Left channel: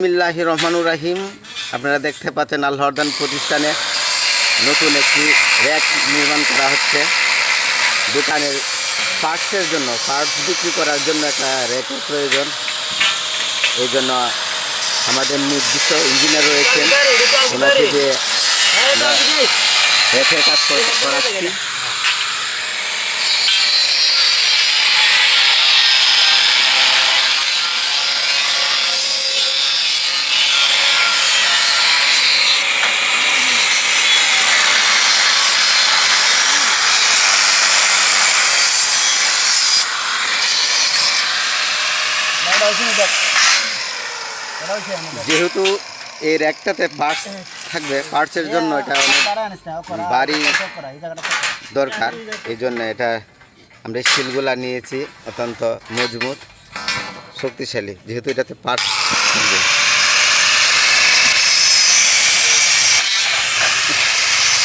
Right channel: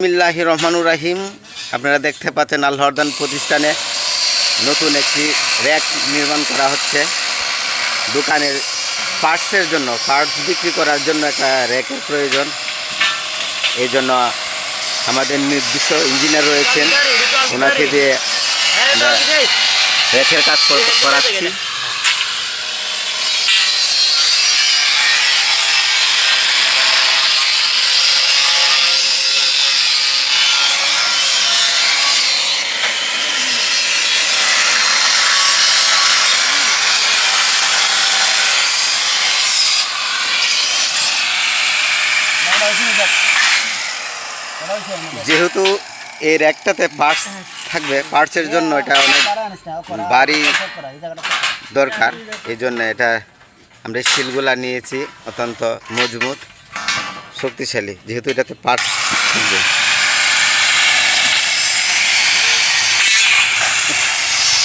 বিসমিল্লাহির রহমানুর রহিম। আপনারা দেখতে পাচ্ছেন আল হরদান প্রতিষ্ঠানে নতুন একটি র্যাক নির্মাণ করা হচ্ছে। দোকানের পার্টসের জন্য, পার্টস বিক্রি করার জন্য একটা র্যাকের প্রয়োজন। এই জন্য আমাদের নির্দিষ্ট ইঞ্জিনিয়ার রয়েছেন, ওনাকে দিয়ে আমরা র্যাকের কাজ করাচ্ছি। যেহেতু এই র্যাকটাতে পার্টস থাকবে, পার্টসের জন্য এটা অনেক ভারী দরকার। এই জন্য এটা আমরা স্টিলগুলা নিয়েছি, অত্যন্ত মজবুত শক্তিশালী, যেহেতু এটাতে পার্টস থাকবে।